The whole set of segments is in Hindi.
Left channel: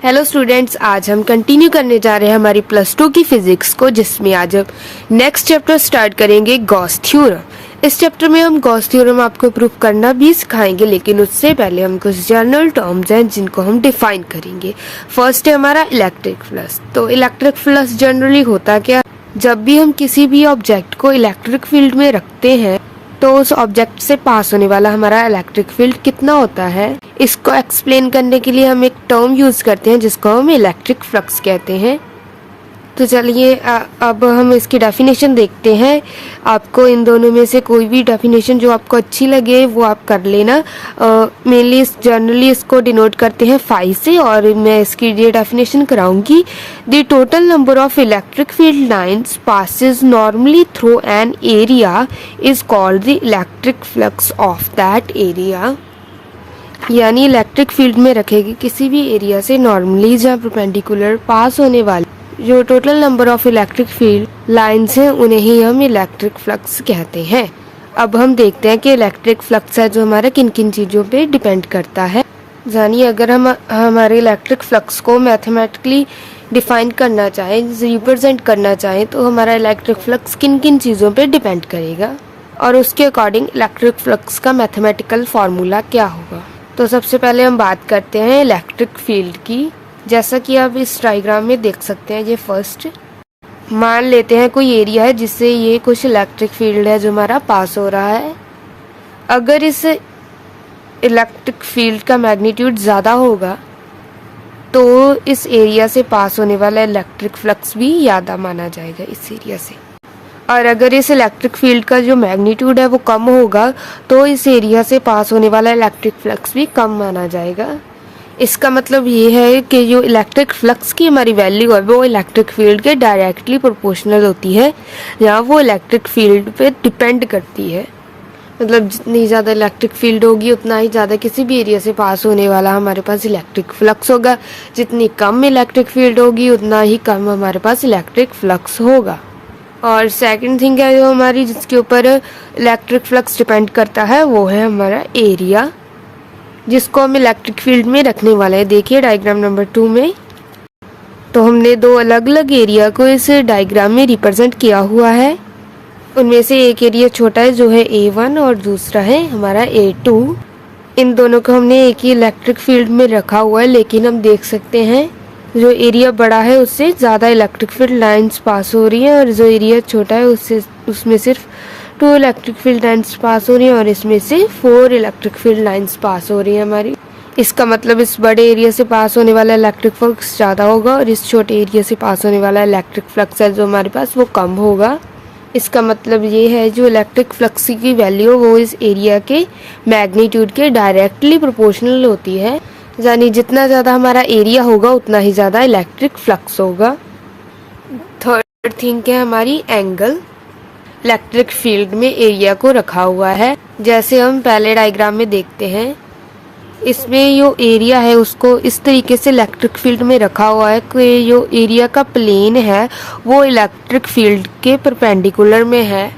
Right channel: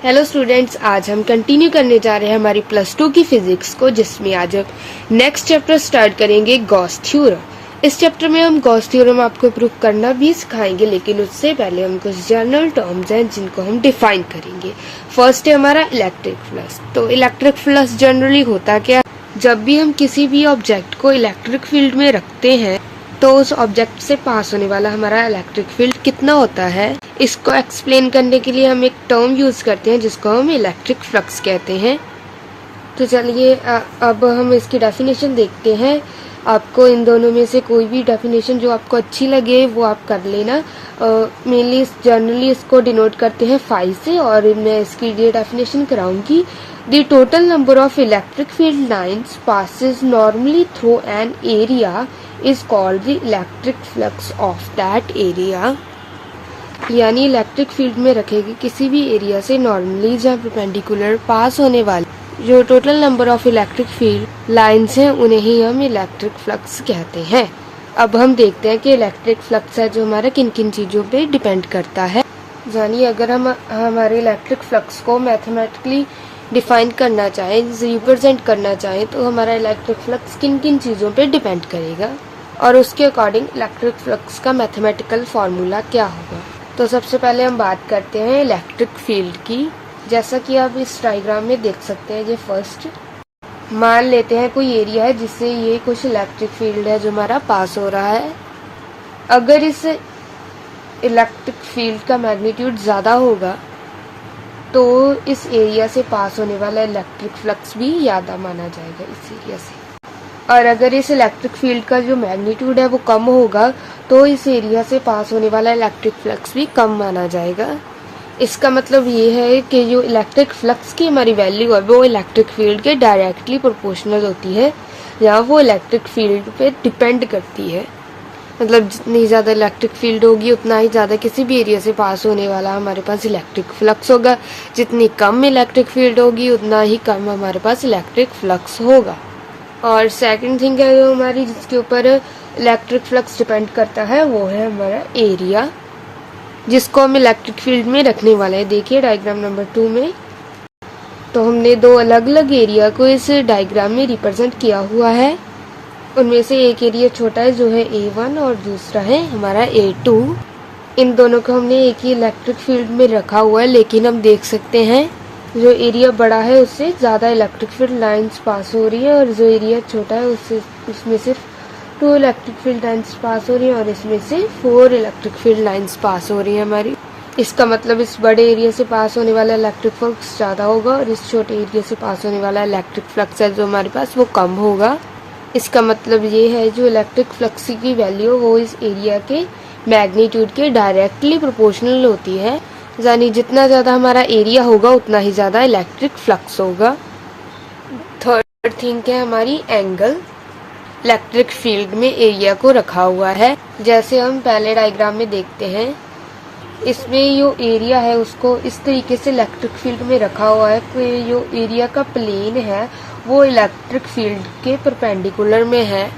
हेलो स्टूडेंट्स, आज हम कंटिन्यू करने जा रहे हैं हमारी +2 की फिजिक्स को, जिसमें आज हम नेक्स्ट चैप्टर स्टार्ट करेंगे गॉस थ्योरम। इस चैप्टर में हम गॉस थ्योरम आपको प्रूफ करना भी सिखाएंगे, लेकिन उससे पहले हम कुछ जनरल टर्म्स हैं जिनको हम डिफाइन करेंगे। फर्स्ट है हमारा इलेक्ट्रिक फ्लक्स। तो इलेक्ट्रिक फ्लक्स जनरली होता क्या, जब भी हम किसी भी ऑब्जेक्ट को इलेक्ट्रिक फील्ड में रखते हैं तो उस ऑब्जेक्ट से पास होने वाला हमारा इलेक्ट्रिक फील्ड कितना होता है, इसको एक्सप्लेन करने के लिए हम एक टर्म यूज करते हैं जिसको हम इलेक्ट्रिक फ्लक्स कहते हैं। तो चलिए अब हम इसकी डेफिनेशन देखते हैं। आपको इन दोनों में से कोई भी डेफिनेशन जो आपको अच्छी लगे वो आप कर लेना। मेनली जनरली इसको डिनोट करते हैं फाई से, और मैं इसकी ये डेफिनेशन कराऊंगी। The total number of electric field lines passes normally through an area is called the electric flux of that area. यानी इलेक्ट्रिक फील्ड में रखेगी किसी भी एरिया से नॉर्मली जहाँ परपेंडिकुलर पास होने वाली जो total number of electric field lines हैं उन्हें ही हम इलेक्ट्रिक फ्लक्स कहते हैं। अब हम देखते हैं कि इलेक्ट्रिक फ्लक्स है जो हमारा किन किन चीजों पे डिपेंड करता है। जानिए, अगर हम हमारे इलेक्ट्रिक फ्लक्स को मैथमेटिकली डिफाइन करना चाहें, रिप्रेजेंट करना चाहें, तो हमारा इलेक्ट्रिक फ्लक्स किन किन चीजों पे डिपेंड करेगा और उसके अकॉर्डिंग इलेक्ट्रिक फ्लक्स का मैथमेटिकल फॉर्मूला क्या होगा। तो सबसे पहले हम बात करते हैं इलेक्ट्रिक फील्ड की। जैसा कि आप इस डायग्राम में देख सकते हैं, ये फर्स्ट मान लेते हैं कोई एरिया है जिससे ये कुछ इलेक्ट्रिक फील्ड है जो हमारा पास हो रहा है। अगर इस इलेक्ट्रिक फील्ड का मैग्नीट्यूड ज्यादा होगा तो इस एरिया से पास होने वाला इलेक्ट्रिक फ्लक्स भी ज्यादा माना जाएगा इस एरिया से। और अगर इस इलेक्ट्रिक फील्ड का जो मैग्नीट्यूड है वो कम होगा तो इस एरिया से पास होने वाला इलेक्ट्रिक फ्लक्स भी कम माना जाएगा। इसका मतलब ये है कि जो इलेक्ट्रिक फ्लक्स की हमारी वैल्यू है वो इलेक्ट्रिक फील्ड के डायरेक्टली प्रोपोर्शनल होती है, या वो इलेक्ट्रिक फील्ड पे डिपेंड करती है। मतलब जितनी ज़्यादा इलेक्ट्रिक फील्ड होगी उतना ही ज़्यादा किसी भी एरिया से पास होने वाला हमारे पास इलेक्ट्रिक फ्लक्स होगा। जितनी कम इलेक्ट्रिक फील्ड होगी उतना ही कम हमारे पास इलेक्ट्रिक फ्लक्स होगा। और सेकंड थिंग है जो हमारी जिसके ऊपर इलेक्ट्रिक फ्लक्स डिपेंड करता है वो है हमारा एरिया, जिसको हम इलेक्ट्रिक फील्ड में रखने वाले हैं। देखिए डायग्राम नंबर 2 में तो हमने दो अलग अलग एरिया को इस डायग्राम में रिप्रेजेंट किया हुआ है। उनमें से एक एरिया छोटा है जो है A1 और दूसरा है हमारा A2। इन दोनों को हमने एक ही इलेक्ट्रिक फील्ड में रखा हुआ है, लेकिन हम देख सकते हैं जो एरिया बड़ा है उससे ज्यादा इलेक्ट्रिक फील्ड लाइंस पास हो रही है, और जो एरिया छोटा है उसमें सिर्फ 2 इलेक्ट्रिक फील्ड लाइंस पास हो रही है, और इसमें से 4 इलेक्ट्रिक फील्ड लाइंस पास हो रही है हमारी। इसका मतलब इस बड़े एरिया से पास होने वाला इलेक्ट्रिक फ्लक्स ज्यादा होगा और इस छोटे एरिया से पास होने वाला इलेक्ट्रिक फ्लक्स है जो हमारे पास वो कम होगा। इसका मतलब ये है जो इलेक्ट्रिक फ्लक्स की वैल्यू वो इस एरिया के मैग्नीट्यूड के डायरेक्टली प्रोपोर्शनल होती है। यानी जितना ज्यादा हमारा एरिया होगा उतना ही ज्यादा इलेक्ट्रिक फ्लक्स होगा। थर्ड थिंग है हमारी एंगल। इलेक्ट्रिक फील्ड में एरिया को रखा हुआ है, जैसे हम पहले डायग्राम में देखते हैं। इसमें जो एरिया है उसको इस तरीके से इलेक्ट्रिक फील्ड में रखा हुआ है कि जो एरिया का प्लेन है वो इलेक्ट्रिक फील्ड के परपेंडिकुलर में है।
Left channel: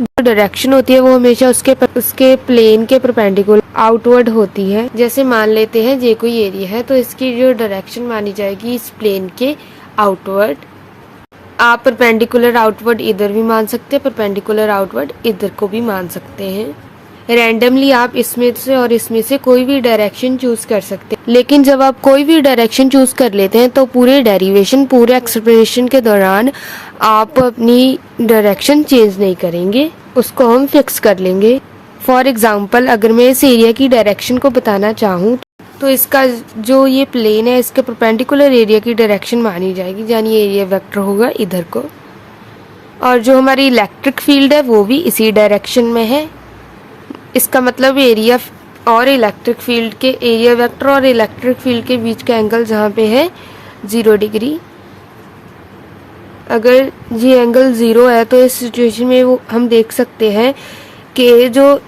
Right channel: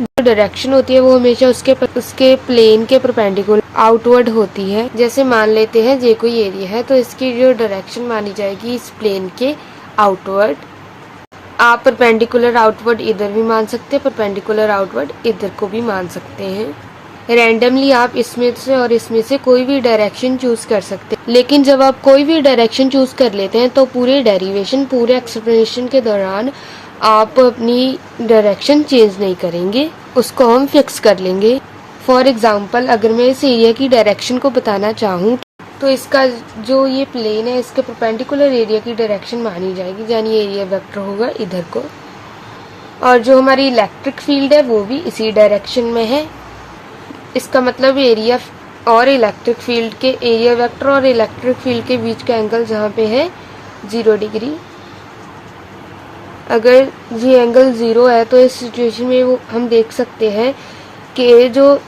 जो डायरेक्शन होती है वो हमेशा उसके प्लेन के परपेंडिकुलर आउटवर्ड होती है। जैसे मान लेते हैं ये कोई एरिया है तो इसकी जो डायरेक्शन मानी जाएगी इस प्लेन के आउटवर्ड। आप परपेंडिकुलर आउटवर्ड इधर भी मान सकते हैं, परपेंडिकुलर आउटवर्ड इधर को भी मान सकते हैं। रैंडमली आप इसमें से और इसमें से कोई भी डायरेक्शन चूज कर सकते हैं, लेकिन जब आप कोई भी डायरेक्शन चूज कर लेते हैं तो पूरे डेरिवेशन पूरे एक्सप्लेनेशन के दौरान आप अपनी डायरेक्शन चेंज नहीं करेंगे, उसको हम फिक्स कर लेंगे। फॉर एग्जाम्पल, अगर मैं इस एरिया की डायरेक्शन को बताना चाहूँ तो इसका जो ये प्लेन है इसके परपेंडिकुलर एरिया की डायरेक्शन मानी जाएगी, यानी एरिया वेक्टर होगा इधर को। और जो हमारी इलेक्ट्रिक फील्ड है वो भी इसी डायरेक्शन में है। इसका मतलब एरिया और इलेक्ट्रिक फील्ड के एरिया वेक्टर और इलेक्ट्रिक फील्ड के बीच का एंगल जहाँ पे है 0 डिग्री। अगर ये एंगल 0 है तो इस सिचुएशन में वो हम देख सकते हैं कि जो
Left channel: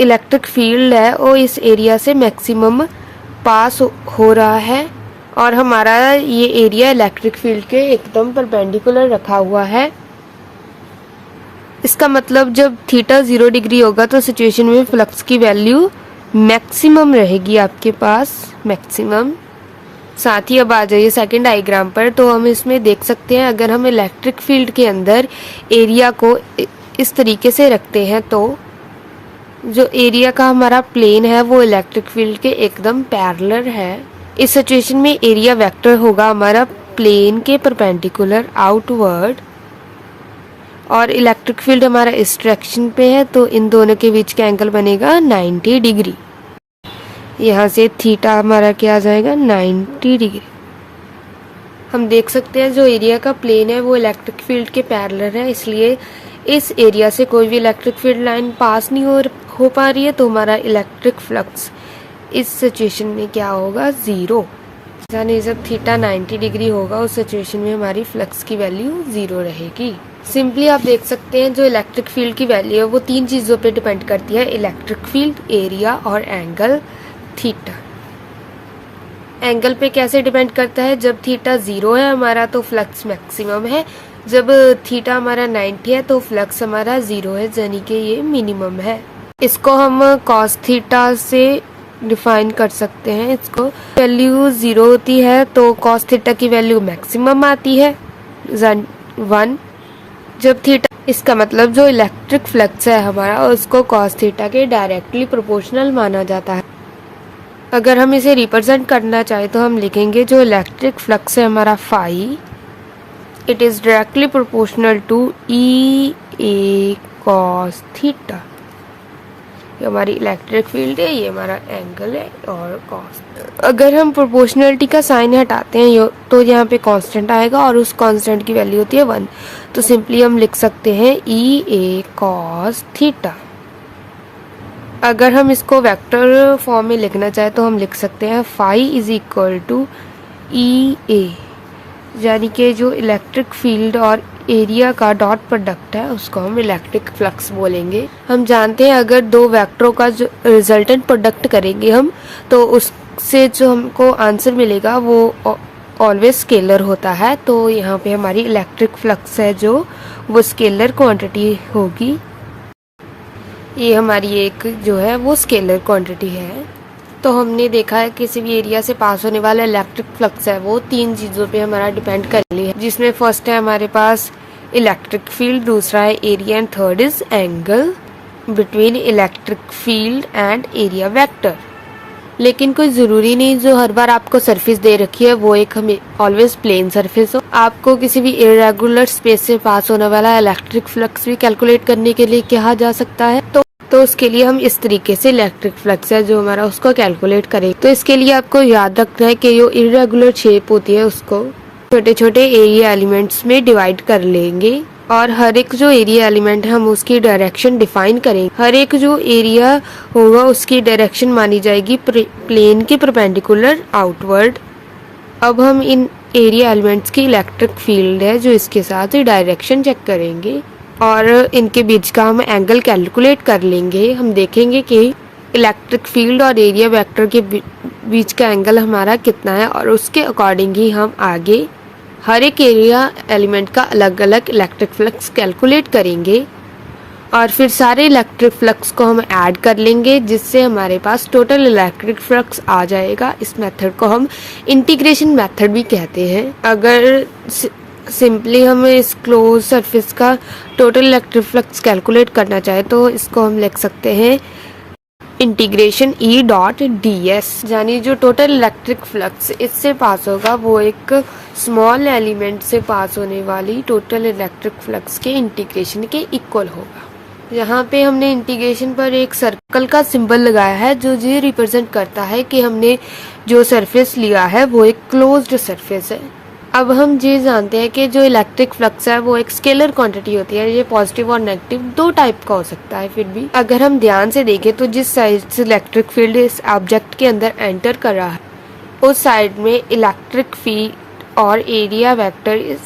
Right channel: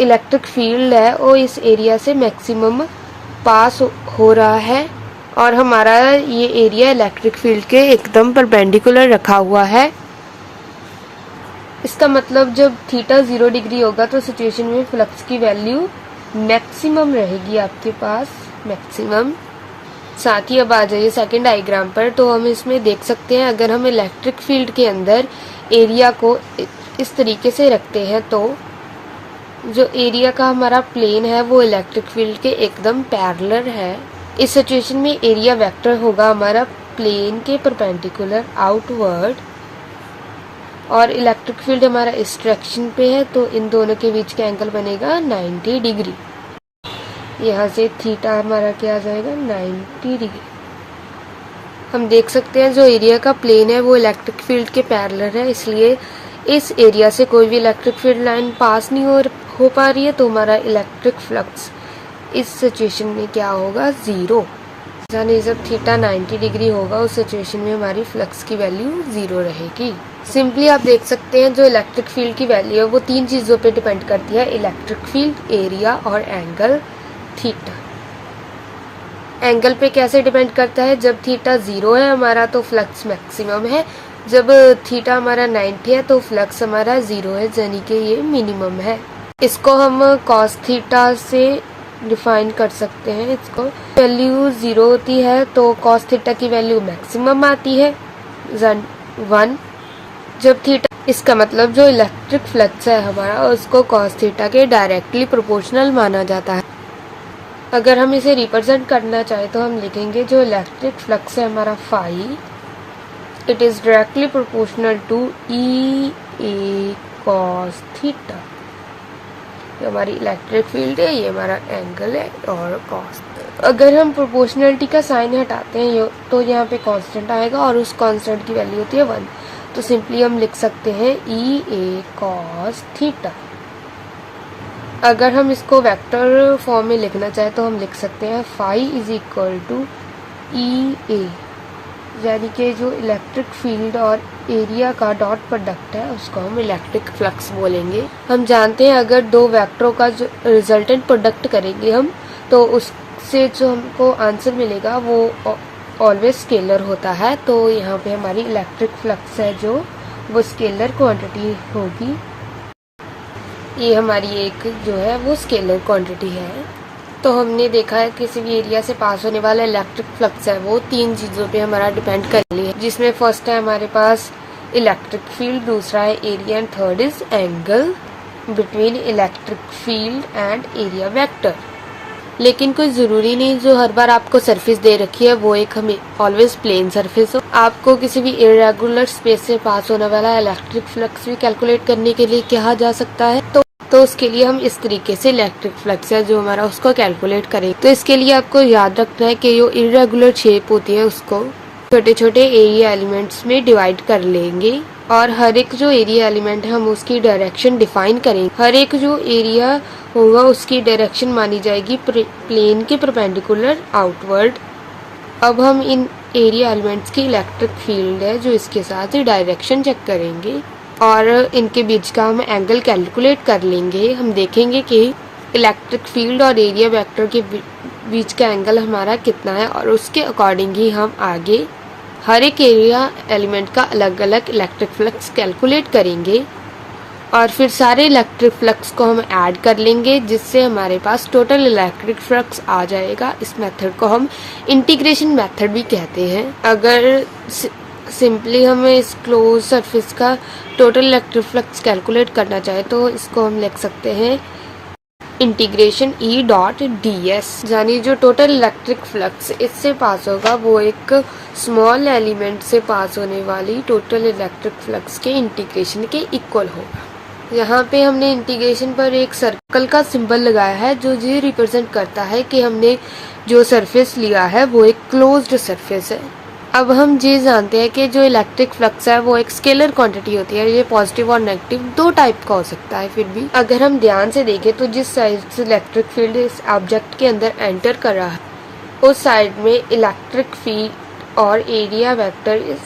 इलेक्ट्रिक फील्ड है वो इस एरिया से मैक्सिमम पास हो रहा है, और हमारा ये एरिया इलेक्ट्रिक फील्ड के एकदम परपेंडिकुलर रखा हुआ है। इसका मतलब जब थीटा 0 डिग्री होगा तो सिचुएशन में फ्लक्स की वैल्यू मैक्सिमम रहेगी आपके पास, मैक्सिमम। साथ ही अब आ जाइए सेकंड डायग्राम पर। तो हम इसमें देख सकते हैं, अगर हम इलेक्ट्रिक फील्ड के अंदर एरिया को इस तरीके से रखते हैं तो जो एरिया का हमारा प्लेन है वो इलेक्ट्रिक फील्ड के एकदम पैरेलल है। इस सिचुएशन में एरिया वेक्टर होगा हमारा प्लेन के परपेंडिकुलर आउटवर्ड, और इलेक्ट्रिक फील्ड हमारा इस डायरेक्शन पे है, तो इन दोनों के बीच का एंगल बनेगा 90 डिग्री। यहाँ से थीटा हमारा क्या आ जाएगा, 90 डिग्री। हम देख सकते हैं जो एरिया का प्लेन है वो इलेक्ट्रिक फील्ड के पैरेलल है, इसलिए इस एरिया से कोई भी इलेक्ट्रिक फील्ड लाइन पास नहीं हो पा रही है, तो हमारा इलेक्ट्रिक फ्लक्स इस सिचुएशन में क्या होगा, 0। यानी जब थीटा 90 डिग्री होगा उस सिचुएशन में हमारी फ्लक्स की वैल्यू 0 रहेगी। सिंपली आप देख सकते हैं जो इलेक्ट्रिक फील्ड की वैल्यू है वो 3 चीज़ों पे डिपेंड करती है, इलेक्ट्रिक फील्ड, एरिया और एंगल थीटा। एंगल पे कैसे डिपेंड करता है, जब थीटा 0 है हमारा तो फ्लक्स मैक्सिमम है, जब थीटा हमारा 90 है तो फ्लक्स हमारा 0 है, यानी कि ये मिनिमम है। इसको हम कॉस थीटा से डिफाइन कर सकते हैं। इसको वैल्यू 0 होती है तो कॉस थीटा की वैल्यू मैक्सिमम आती है 1। जब थीटा, इसका मतलब जो इलेक्ट्रिक फ्लक्स है हमारा उसको कॉस थीटा के डायरेक्टली प्रोपोर्शनल माना जाता है। अगर हम इसे रिप्रेजेंट करना चाहे तो हम लिखेंगे जो इलेक्ट्रिक फ्लक्स है हमारा phi, it is directly proportional to E A cos theta. ये हमारी इलेक्ट्रिक फील्ड है, ये हमारा एंगल है और कॉस। अगर हम प्रोपोर्शनलिटी का साइन हटाते हैं तो यहाँ पे कांस्टेंट आएगा और उस कांस्टेंट की वैल्यू होती है 1। तो सिंपली हम लिख सकते हैं ई ए कॉस थीटा। अगर हम इसको वेक्टर फॉर्म में लिखना चाहे तो हम लिख सकते हैं phi is equal to E ए, यानी कि जो इलेक्ट्रिक फील्ड और एरिया का डॉट प्रोडक्ट है उसको हम इलेक्ट्रिक फ्लक्स बोलेंगे। हम जानते हैं अगर दो वेक्टरों का जो रिजल्टेंट प्रोडक्ट करेंगे हम, तो उससे जो हमको आंसर मिलेगा वो ऑलवेज स्केलर होता है। तो यहाँ पे हमारी इलेक्ट्रिक फ्लक्स है जो वो स्केलर क्वांटिटी होगी। ये हमारी एक जो है वो स्केलर क्वांटिटी है। तो हमने देखा है किसी भी एरिया से पास होने वाला इलेक्ट्रिक फ्लक्स है वो 3 चीज़ों पे हमारा डिपेंड कर लिया है, जिसमें फर्स्ट है हमारे पास इलेक्ट्रिक फील्ड, दूसरा है area and third is angle between electric field and area vector. लेकिन कोई ज़रूरी नहीं जो हर बार आपको सरफेस दे रखी है वो एक हमें ऑलवेज प्लेन सरफेस हो। आपको किसी भी इरेगुलर स्पेस से पास होने वाला इलेक्ट्रिक फ्लक्स भी कैलकुलेट करने के लिए कहा जा सकता है। तो उसके लिए हम इस तरीके से इलेक्ट्रिक फ्लक्स है जो हमारा उसको कैलकुलेट करें। तो इसके लिए आपको याद रखना है कि जो इरेगुलर शेप होती है उसको छोटे छोटे एरिया एलिमेंट्स में डिवाइड कर लेंगे, और हर एक जो एरिया एलिमेंट है हम उसकी डायरेक्शन डिफाइन करेंगे। हर एक जो एरिया होगा उसकी डायरेक्शन मानी जाएगी प्लेन के परपेंडिकुलर आउटवर्ड। अब हम इन एरिया एलिमेंट्स की इलेक्ट्रिक फील्ड है जो इसके साथ ही डायरेक्शन चेक करेंगे और इनके बीच का हम एंगल कैलकुलेट कर लेंगे। हम देखेंगे कि इलेक्ट्रिक फील्ड और एरिया वेक्टर के बीच का एंगल हमारा कितना है, और उसके अकॉर्डिंग ही हम आगे हर एक एरिया एलिमेंट का अलग अलग इलेक्ट्रिक फ्लक्स कैलकुलेट करेंगे, और फिर सारे इलेक्ट्रिक फ्लक्स को हम ऐड कर लेंगे जिससे हमारे पास टोटल इलेक्ट्रिक फ्लक्स आ जाएगा। इस मेथड को हम इंटीग्रेशन मेथड भी कहते हैं। अगर सिंपली हमें इस क्लोज सरफेस का टोटल इलेक्ट्रिक फ्लक्स कैलकुलेट करना चाहे तो इसको हम लिख सकते हैं integration E dot D S, यानी जो टोटल इलेक्ट्रिक फ्लक्स इससे पास होगा वो एक स्मॉल एलिमेंट से पास होने वाली टोटल इलेक्ट्रिक फ्लक्स के इंटीग्रेशन के इक्वल होगा। यहाँ पे हमने इंटीग्रेशन पर एक सर्कल का सिंबल लगाया है जो ये रिप्रेजेंट करता है कि हमने जो सरफेस लिया है वो एक क्लोज्ड सरफेस है। अब हम ये जानते हैं कि जो इलेक्ट्रिक फ्लक्स है वो एक स्केलर क्वांटिटी होती है, ये पॉजिटिव और नेगेटिव 2 टाइप का हो सकता है। फिर भी अगर हम ध्यान से देखें तो जिस साइड से इलेक्ट्रिक फील्ड इस ऑब्जेक्ट के अंदर एंटर कर रहा है उस साइड में इलेक्ट्रिक फील्ड और एरिया वेक्टर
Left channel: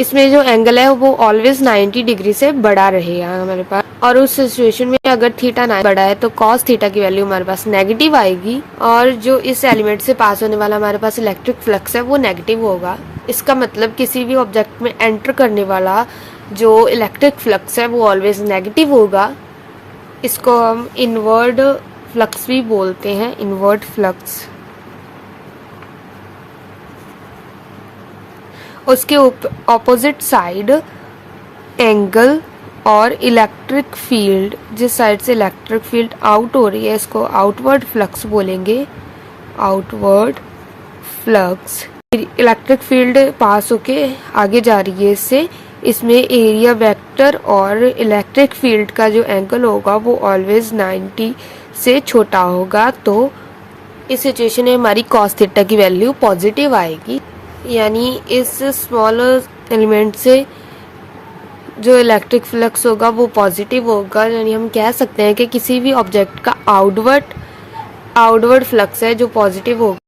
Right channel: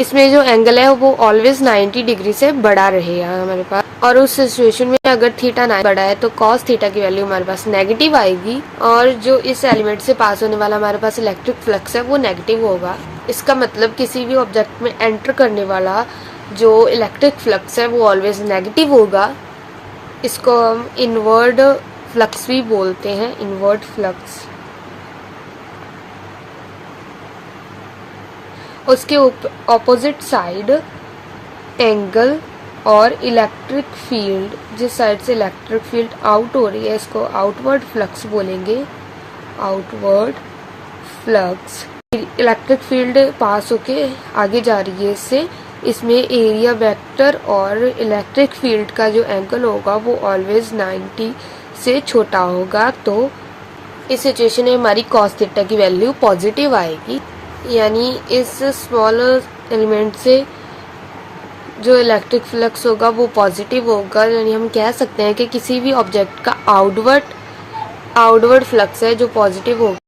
इसमें जो एंगल है वो ऑलवेज 90 डिग्री से बड़ा रहेगा हमारे पास, और उस सिचुएशन में अगर थीटा ना बड़ा है तो कॉस थीटा की वैल्यू हमारे पास नेगेटिव आएगी, और जो इस एलिमेंट से पास होने वाला हमारे पास इलेक्ट्रिक फ्लक्स है वो नेगेटिव होगा। इसका मतलब किसी भी ऑब्जेक्ट में एंटर करने वाला जो इलेक्ट्रिक फ्लक्स है वो ऑलवेज नेगेटिव होगा। इसको हम इनवर्ड फ्लक्स भी बोलते हैं, इनवर्ड फ्लक्स। उसके ऑपोजिट साइड एंगल और इलेक्ट्रिक फील्ड, जिस साइड से इलेक्ट्रिक फील्ड आउट हो रही है इसको आउटवर्ड फ्लक्स बोलेंगे, आउटवर्ड फ्लक्स। इलेक्ट्रिक फील्ड पास होके आगे जा रही है इससे, इसमें एरिया वेक्टर और इलेक्ट्रिक फील्ड का जो एंगल होगा वो ऑलवेज 90 से छोटा होगा। तो इस सिचुएशन में हमारी कॉस थीटा की वैल्यू पॉजिटिव आएगी, यानी इस स्मॉल एलिमेंट से जो इलेक्ट्रिक फ्लक्स होगा वो पॉजिटिव होगा। यानी हम कह सकते हैं कि किसी भी ऑब्जेक्ट का आउटवर्ड फ्लक्स है जो पॉजिटिव होगा।